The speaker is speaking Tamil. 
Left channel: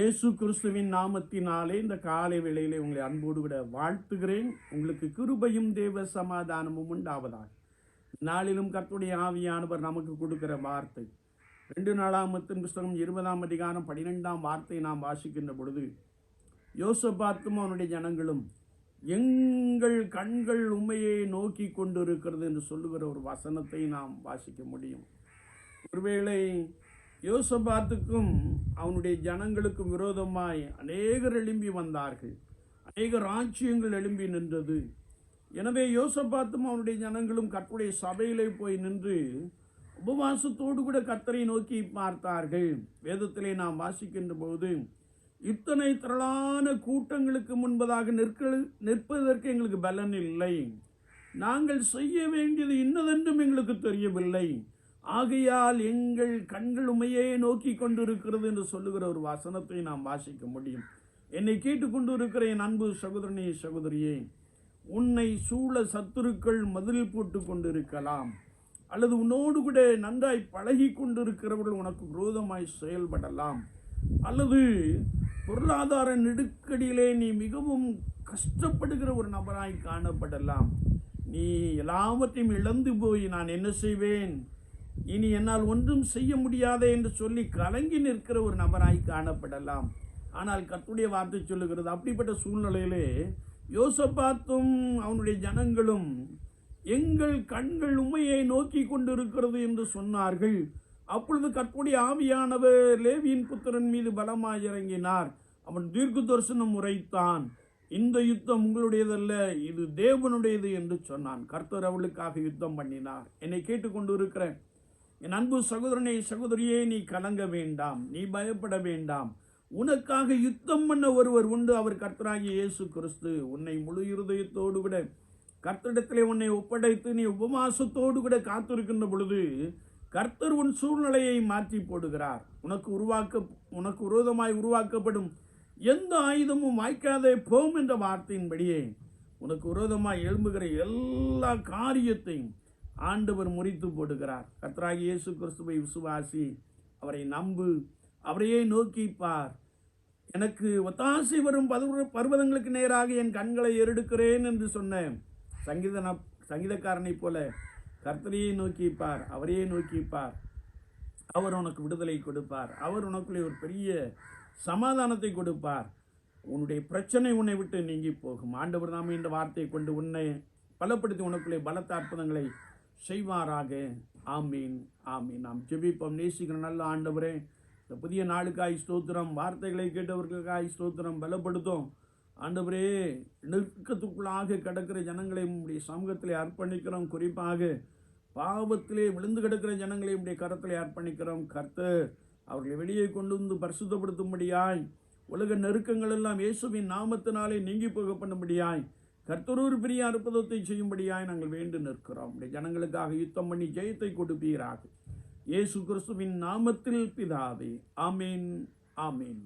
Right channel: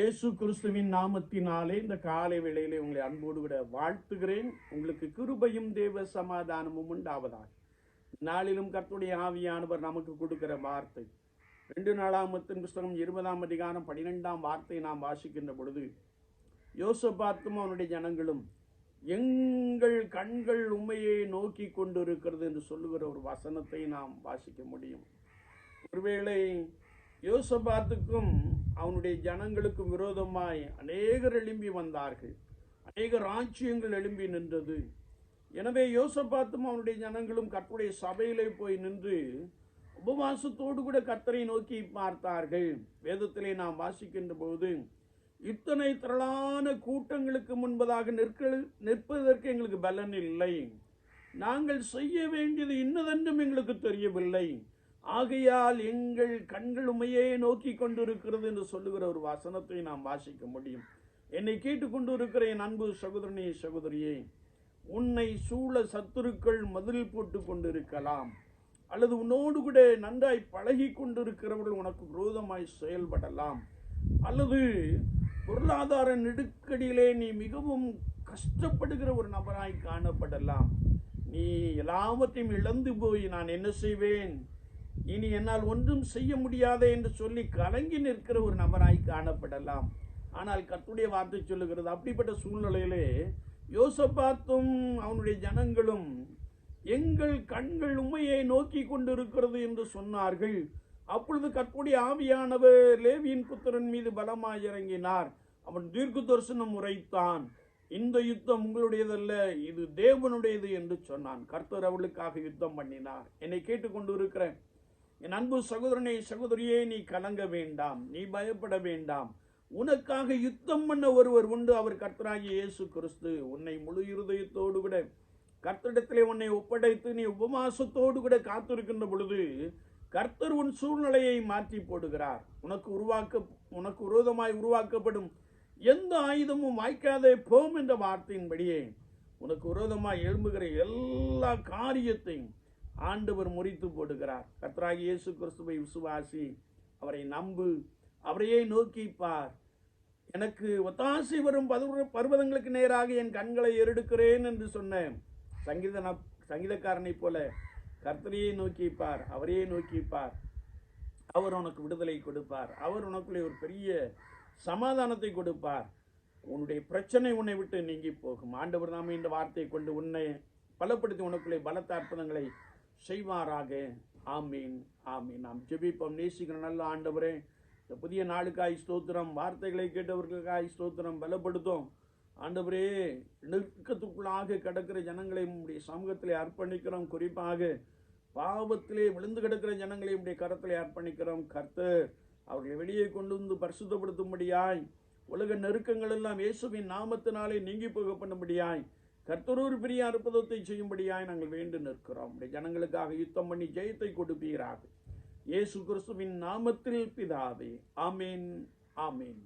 இயேசு கிறிஸ்துவின் நாமத்தினாலே இந்த காலை வேளையிலே உங்களை அன்போடு விட வாழ்த்துகிறேன். உங்களுக்கு கிருபையும் தேவ சமாதானமும் உண்டாவதாக. நாளிலும் கர்த்துடைய ஆவியானவர் நமக்கு கொடுக்கிற வார்த்தை. ரெண்டு நாளாம் மத்தின் புஸ்தகம் இருபதாம் அதிகாரம் பனிரெண்டாம் வார்த்தையை நாம் வாசிக்கின்ற பொழுது யோசபாத்தும் அவனுடைய ஜனங்களும் எங்கள் கண்கள் உண்மையை நோக்கி கொண்டிருக்கிறது என்று சொல்லுகிற ஒரு வசனத்தை நாம் வாசிக்க முடியும். ஒருவேளை யோசபாத்துக்கும் அவனுடைய ஜனங்களுக்கும் விரோதமாய் அநேகர் எழும்பி வந்தார்கள். அநேக ராஜ்யங்கள் எழும்பி நின்றது. எனவே யோசபாத்தும் அவனுடைய ஜனங்களும் கற்புடைய சபையிலே போய் நின்று உபவாசத்தோடு கூட கர்த்தரை நோக்கி பார்த்தார்கள். வேதத்திலே நாம் வாசிக்கின்ற போது இத்தனை திரளான கூட்டங்களுக்கு முன்பதாக நிற்க நிற்பதற்கு எங்களுக்கு பலன் இல்லை. நாங்கள் செய்ய வேண்டியது இன்னதென்றும் எங்களுக்கு தெரியவில்லை. ஆகையால் எங்கள் கண்கள் உமையே நோக்கி கொண்டிருக்கிறது என்று சொல்லுகிற ஒரு வசனத்தை நாம் வாசிக்க முடியும். என்னை கேட்டுக்கொண்டு இருக்கிற என் அன்பு சகோதரனே சகோதரியே உன்னை சூழ சத்துருக்கள் மதில் போட்டு கொண்டிருக்கலாம். அல்லது உன்னோடு கூட நன்றாய் பழகி கொண்டிருக்கிறவர்கள் உனக்கு விரோதமாய் செயல்படலாம். அல்லது பொருளாதார நெருக்கடியிலே நீ மிகவும் கஷ்டப்படுகிற ஒரு நபராய் காணப்படலாம். நீ எல்லாவற்றையும் இழந்து போய் நான் என்ன செய்வேன்? இனி என்னால் ஒன்றும் செய்ய முடியாதே என்று சொல்லி கலங்கி நிற்கிற ஒரு நபராய் காணப்படலாம். ஆனால் கத்துடைய வார்த்தை சொல்லுகிறது அப்படிப்பட்ட சூழ்நிலையிலே யோசபாத்தும் அவனுடைய ஜனங்களும் எங்கள் கண்கள் உண்மையை நோக்கி கொண்டிருக்கிறது என்று சொன்னார்கள். அப்பொழுது கற்புடைய ஆவியானவர் லேவியின் புத்திரன் மீது பலமாய் இறங்கினார். அவன் தீர்க்க தரிசனம் உரைத்தான் இந்த யுத்தம் உங்களுடையதல்ல இது தேவனுடையது என்று சொன்னான். கர்த்தர் அவளுக்காக யுத்தம் பண்ணினார். என்னை கேட்டுக்கொண்டு இருக்கிறேன் என் அன்பு சகோதரனே சகோதரியே நீ கலங்க வேண்டாம் நீ பயப்பட வேண்டாம். உனக்காக யுத்தம் பண்ண ஒருவர் உண்டு அவர் கர்த்தராகிய இயேசு கிறிஸ்து. உன்னை முழு இருதயத்தோடு கூட கர்த்தரிடத்திலே உன்னை ஒப்படைத்து நீ உபவாசத்தோடு கூட காத்திருக்கின்ற பொழுது கர்த்தர் உன் சூழ்நிலையை மாற்றி போடுகிறார். உனக்கு உருவாக்க உனக்கு விரோதமாய் உருவாக்கப்படும் எந்த ஆயுதமும் வாய்க்காதே போம் என்ற வார்த்தையின்படியே உனக்கு விரோதமாய் எழும்புகிற எல்லா காரியத்தையும் ஆண்டவர் முறித்து போடுகிறார். கத்ராகி இயேசு கிறிஸ்துவை விசுவாசி அவரை நம்பு அவரையே நோக்கி பார் எனக்கு ஒத்தாசை வரும் பர்வதங்களுக்கு நேராக என் கண்களை எருடுக்கிறேன் என்று சொன்ன சங்கீத சங்கீதக்காரனைப் போல கர்த்தரையே நோக்கிப்பார் அவரையே நோக்கிப்பார். அவர் உனக்கு விடுதலை கொடுப்பார். அவர் உனக்குள்ளே ஒரு பெரிய சமாதானத்தை கொடுப்பார். உன்னுடைய பிரச்சனை உன்னை விட்டு நீங்கி போகும். ஆண்டவர் தாமே இந்த வார்த்தையை கொண்டு உன்னை பலப்படுத்தி உனக்குள்ளே பலத்த அற்புதங்களை செய்வாராக. ஆமீன் ஆமீன். நாம் ஜெபிப்போம். நேசிக்கிற நல்ல ஆண்டவரே இந்த புதிய நாளுக்காய் ஸ்தோத்திரம் வார்த்தைகளை கேட்டவர்களுக்காய் ஸ்தோத்திரம் பலப்படுத்தும். ஆண்டவரே நெருக்கத்துக்குள்ளாக கிடக்கிற ஜனங்களை உடைய சமூகத்திலே அர்ப்பணிக்கிறோம். குறிப்பாக பாவத்திலே விழுந்து கிடக்கிற ஜனங்களை உடைய கரத்திலே அர்ப்பணிக்கிறோம். கர்த்தர் அவர்களை வெளியே கொண்டு வந்து பரிசுத்தப்படுத்தும்படியாய் உலக நெருக்கங்கள் எல்லாம் இயேசுவின் நாமத்தினாலே நீங்கி போக பண்ணும்படியாய் கர்த்தரூர் ஒரு பெரிய அற்புதத்தை செய்யும்படியாய் நாங்கள் வேண்டு நிற்கிறோம். ஜனங்களுக்காக யுத்தம் பண்ணி ஜெயத்தை கொடுப்பீராக. இயேசு கிறிஸ்துவின் நாமத்தில் பிதாவே ஆமேன் ஆமீன்.